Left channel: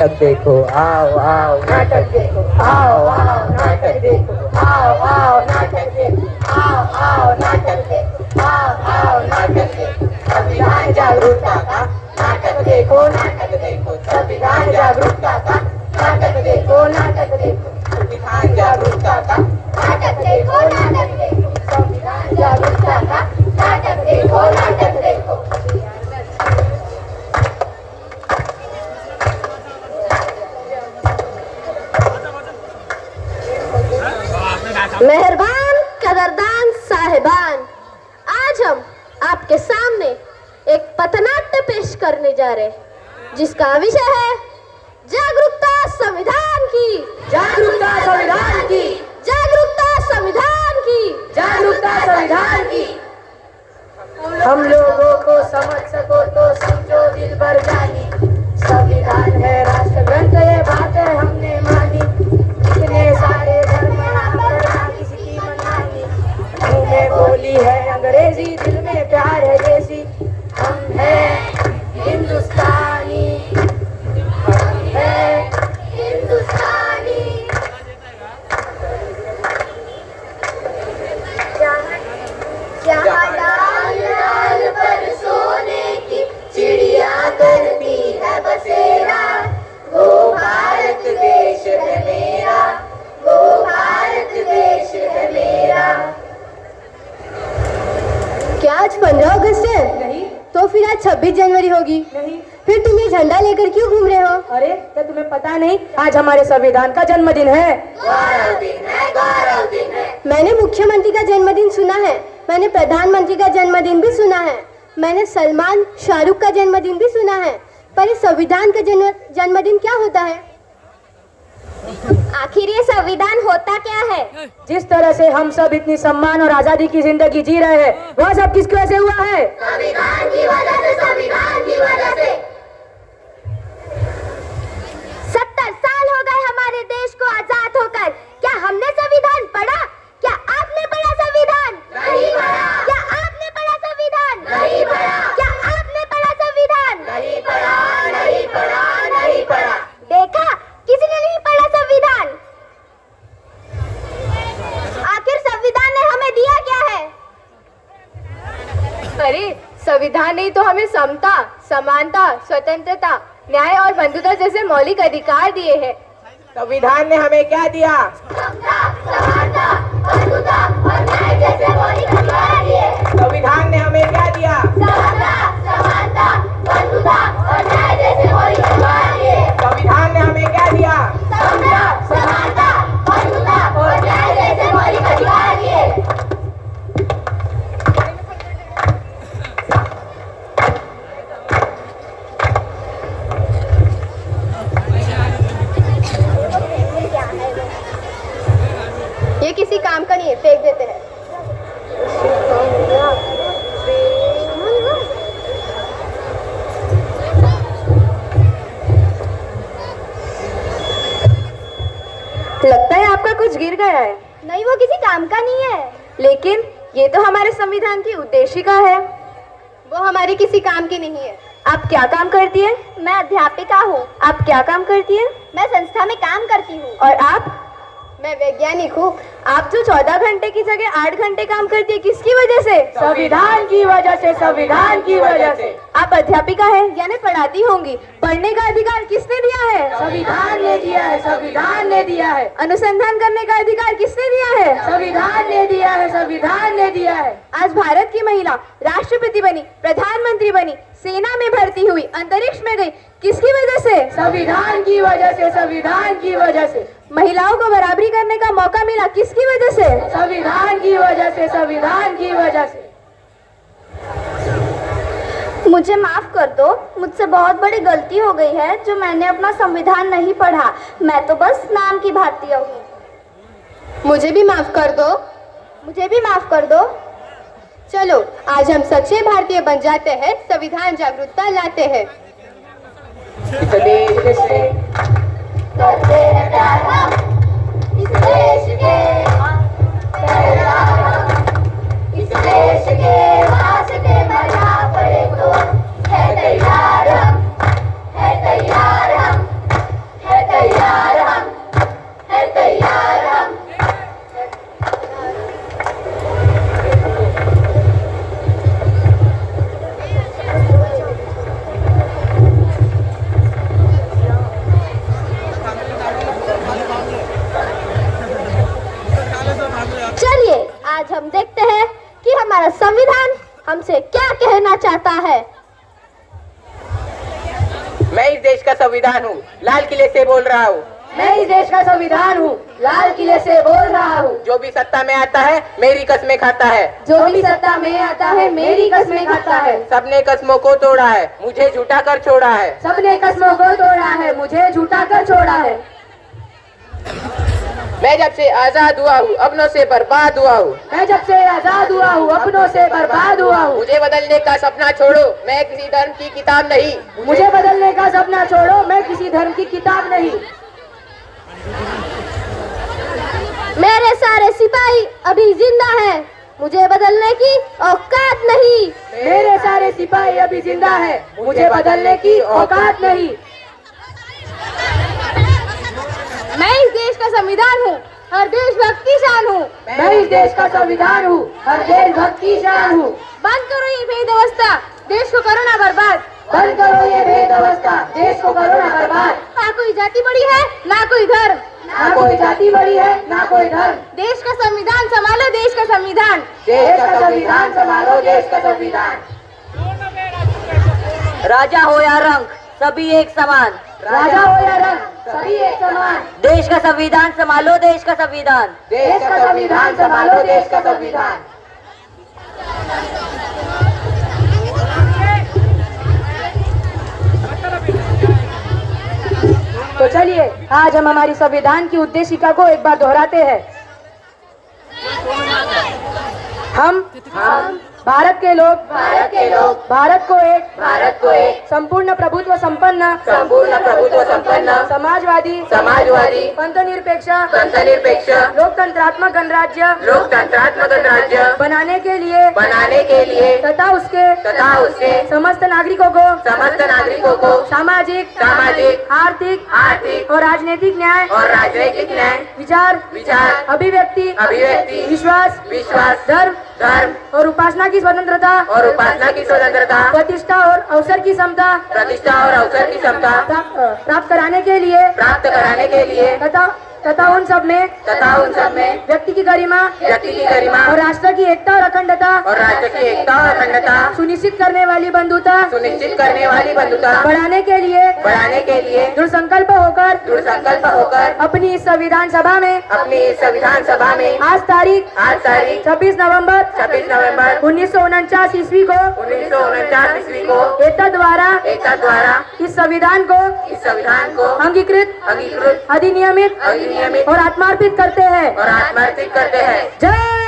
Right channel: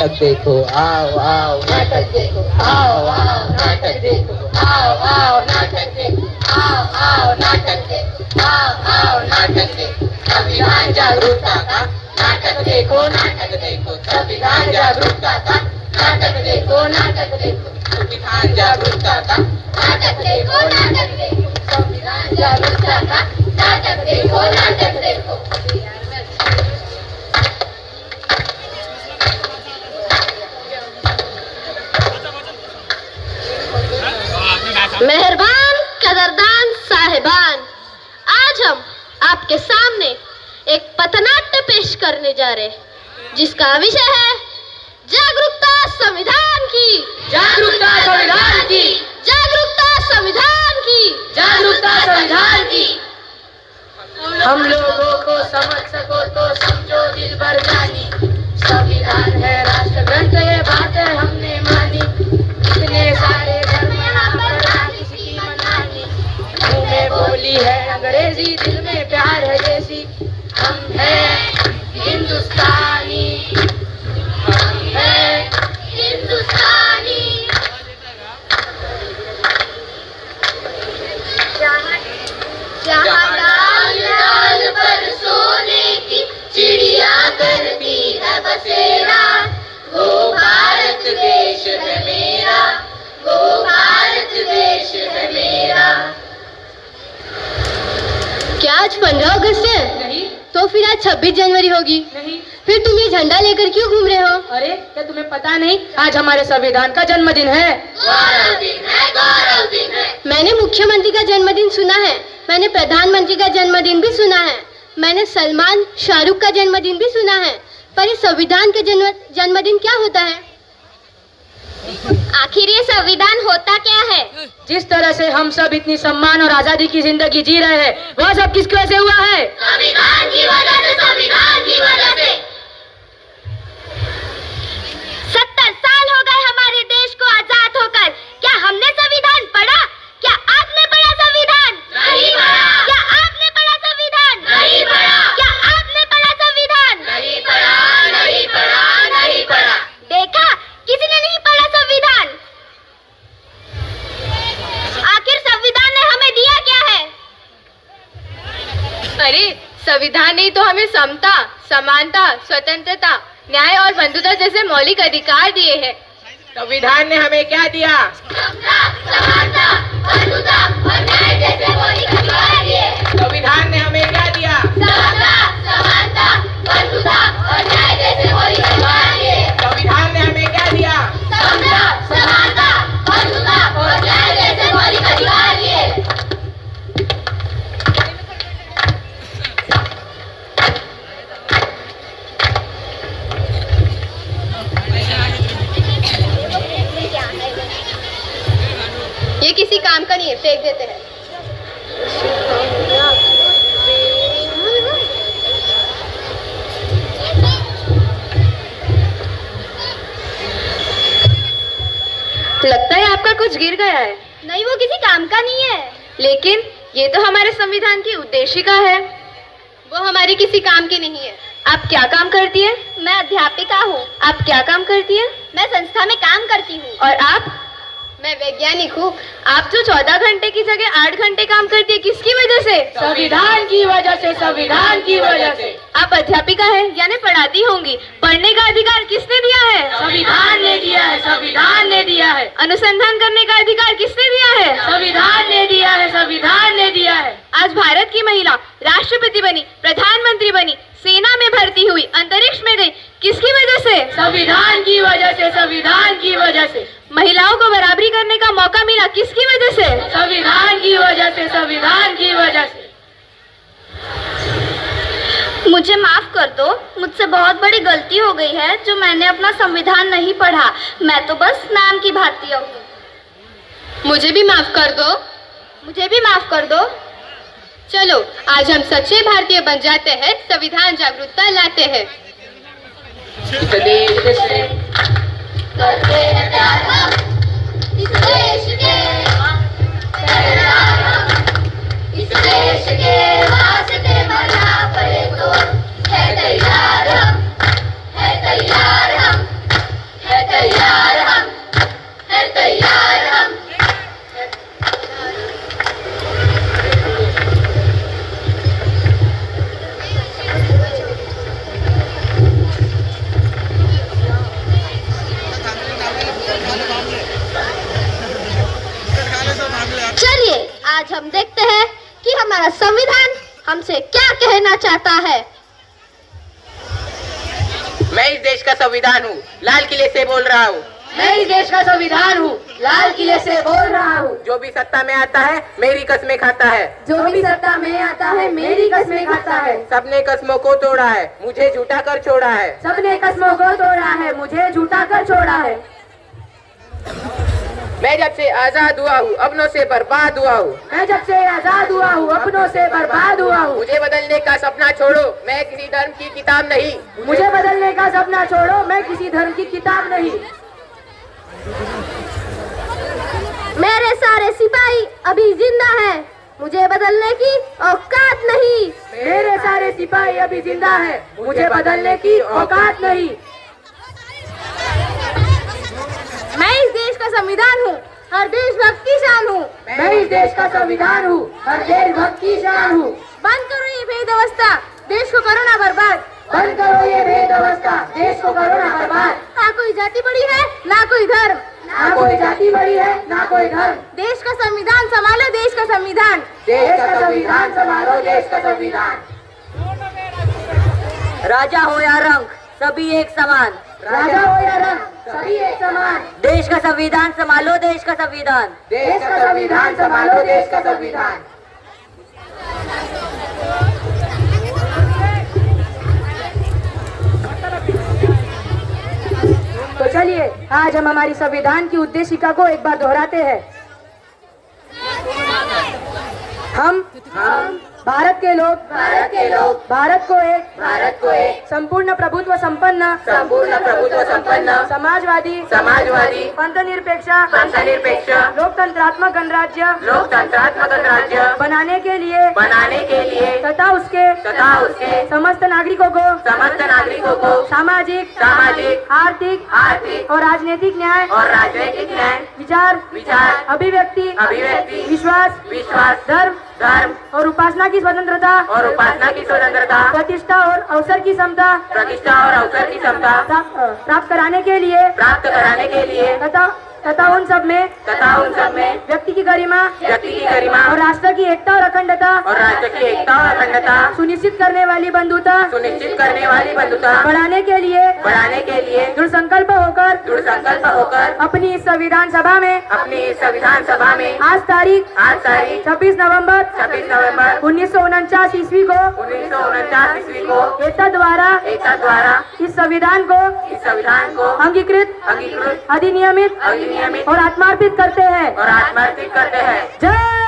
नाटक देखो आओ आओ नाटक देखो आओ आओ नाटक देखो आओ आओ नाटक देखो आओ नाटक देखो आओ नाटक देखो संविधान जागरूकता का नाटक देखो संविधान जागरूकता का नाटक देखो संविधान जागरूकता का नाटक देखो संविधान जागरूकता का नाटक देखो मेहरबान कदरदान साहिबान, आज हम आपके सामने एक पथनाट्य पेश करने जा रहे हैं जिसका विषय है जागरूकता संविधान की, जागरूकता संविधान की, जागरूकता संविधान की, जागरूकता संविधान की। हम लोगों को समझ सको तो समझो दिल भर जानी, संविधान है राष्ट्र ग्रंथ, ये बातें हमने मानी। इतने सारे धर्म यहाँ पर ना किसी की मनमानी, मुंह में बोली है अंग्रेजी, दिल में प्यार है देसी। हम हैं हिंदुस्तानी, हम हैं हिंदुस्तानी। जहाँ लाल लाल पर सोने की चिड़िया करती है बसेरा, वो भारत देश है मेरा, वो भारत देश है मेरा। क्या आज 15 अगस्त है? नहीं तो फिर आज 26 जनवरी होगी। नहीं। फिर तुम ये झंडा लेकर क्यों घूम रहे हो? अरे क्या तुम्हें पता नहीं, आज हमारे संविधान का जन्मदिन है। गौरव दिन है, गौरव दिन है। मैंने मुख्यमंत्री का जन्मदिन सुना है, मैंने प्रधानमंत्री का जन्मदिन भी सुना है, मैंने सलमान शाहरुख का जन्मदिन भी सुना है, पर इस संविधान का जन्मदिन क्या होता है? आखिर ये संविधान होता क्या है? जिस तरह से हम सब इतनी सम्मान और आजादी की जिंदगी जी रहे हैं, वह सब किसकी वजह से हुआ है? संविधान की वजह से, संविधान की वजह से। 70 साल हो गए हमारे देश को आजाद होकर, क्या हमने संविधान पढ़ा? क्या आपने पढ़ा संविधान? नहीं पढ़ा। क्या आपने पढ़ा संविधान? नहीं पढ़ा। क्या आपने पढ़ा संविधान? नहीं पढ़ा, नहीं पढ़ा, नहीं पढ़ा। देखा, किसी ने नहीं पढ़ा संविधान। आखिर संविधान ने हमें दिया क्या है? अरे संविधान ने तो हमें समता, समानता, स्वतंत्रता, न्याय और बंधुता जैसे मौलिक अधिकार दिए हैं। संविधान ने हमें क्या दिया? समता, समानता, बंधुता और न्याय जैसे मौलिक अधिकार दिए। संविधान ने हमें क्या दिया? समता, समानता, बंधुता और न्याय जैसे मौलिक अधिकार दिए। संविधान ने हमें क्या दिया? समता, समानता, बंधुता और न्याय जैसे मौलिक अधिकार दिए। ये किसी काम का नहीं है, फेंक देते हैं। लगता है आपका कुछ गिर गया है। नहीं, वो किसी काम का नहीं है। लेकिन ये तो हमारे संविधान की उद्देशिका है। वो हमारी किसी काम की नहीं है। आप क्या काम करती है? मैं अध्यापिका हूँ। आप क्या काम करती है? मैं संस्था में काम करती हूँ। और आप? मैं वैज्ञानिक हूँ। आप जो 14 घंटे की जगह 8 घंटे काम करती है, किसकी वजह से? संविधान की वजह से, संविधान की वजह से। आप अध्यापिका है, यानी पढ़ाती होंगी। पढ़ने का अधिकार किसने दिया है? संविधान ने दिया है, संविधान ने दिया है। अनुसंधान करने का अधिकार किसने दिया है? संविधान ने दिया है, संविधान ने दिया है। आज भारत की महिला राष्ट्रपति बनी, प्रधानमंत्री बनी, सेना में भर्ती हुई, अंतरिक्ष में गई, किसकी वजह से? संविधान की वजह से, संविधान की वजह से। महिलाओं को बराबरी करने का मौका मिला, किसकी वजह से? संविधान की वजह से, संविधान की वजह से। मुझे माफ कर दो, मुझसे बहुत बड़ी गलती हो गई है जो मैंने अपना संविधान नहीं पढ़ा। मैं तो बस नाम की भारतीय हूँ। मुझे भी माफ कर दो। मुझे भी माफ कर दो। चलो आज हम सच्चे भारतीय बन जाते हैं, संविधान जागरूकता लाते हैं। इस देश से करते हैं प्यार हम, इस देश के पहरेदार हम, इस देश के वास्ते मरना पड़े तो है तैयार हम, है तैयार हम। हमसे क्या कहना चाहता है? मैं इस देश का संविधान हूँ, लाल किले से बोल रहा हूँ। मैं इस देश का संविधान हूँ, लाल किले से बोल रहा हूँ। जो भी सत्ता में आता है मेरी कस्में खाता है। जो भी सत्ता में आता है मेरी कस्में खाता है। सबने कस्मों को तोड़ा है, मुझे झूठा कर छोड़ा है। सबने कस्मों को तोड़ा है, मुझे झूठा कर छोड़ा है। मैं जब से आजाद हुआ हूँ अपनों से बर्बाद हुआ हूँ। मैं जब से आजाद हुआ हूँ अपनों से बर्बाद हुआ हूँ। मुझे बदलने का सपना छोड़ो, मैं किसी धर्म की किताब नहीं। मुझे बदलने का सपना छोड़ो, मैं किसी धर्म की किताब नहीं। मेरे सारे सिपाही अभी जिंदा हैं, मुझे बदलने की औकात नहीं। मेरे सारे सिपाही अभी जिंदा है, मुझे बदलने की औकात नहीं। मैं इस देश का संविधान हूँ, हर देशभक्त की शान हूँ। मैं इस देश का संविधान हूँ, हर देशभक्त की शान हूँ। बंद करो ये भेदवस्था, देश को करो ना बर्बाद। बंद करो ये भेदवस्था, देश को करो ना बर्बाद। ना कोई जाति बड़ी है, ना कोई धर्म। ना कोई जाति बड़ी है, ना कोई धर्म। देश का संविधान संभालो, देश का संविधान। देश का संविधान संभालो, देश का संविधान। राजा हो या रंग सभी एक समान। राजा हो या रंग सभी एक समान। देश का संविधान संभालो, देश का संविधान। देश का संविधान संभालो, देश का संविधान। तो चलिए आज हम हमारी संविधान की उद्देशिका को एक बार दोहराते हैं। हम भारत के लोग भारत को एक संपूर्ण प्रभुत्व संपन्न समाजवादी पंथनिरपेक्ष लोकतंत्रात्मक गणराज्य बनाने के लिए तथा उसके समस्त नागरिकों को सामाजिक आर्थिक और राजनीतिक न्याय विचार अभिव्यक्ति विश्वास धर्म और उपासना की स्वतंत्रता प्रतिष्ठा और अवसर की समता प्राप्त कराने के लिए तथा उन सब में व्यक्ति की गरिमा और राष्ट्र की एकता और अखंडता सुनिश्चित करने वाली बंधुता बढ़ाने के लिए दृढ़ संकल्प होकर अपनी इस संविधान सभा में आज तारीख 26 नवंबर 1949 ईस्वी को एतद द्वारा इस संविधान को अंगीकृत अधिनियमित और आत्मार्पित करते हैं। जय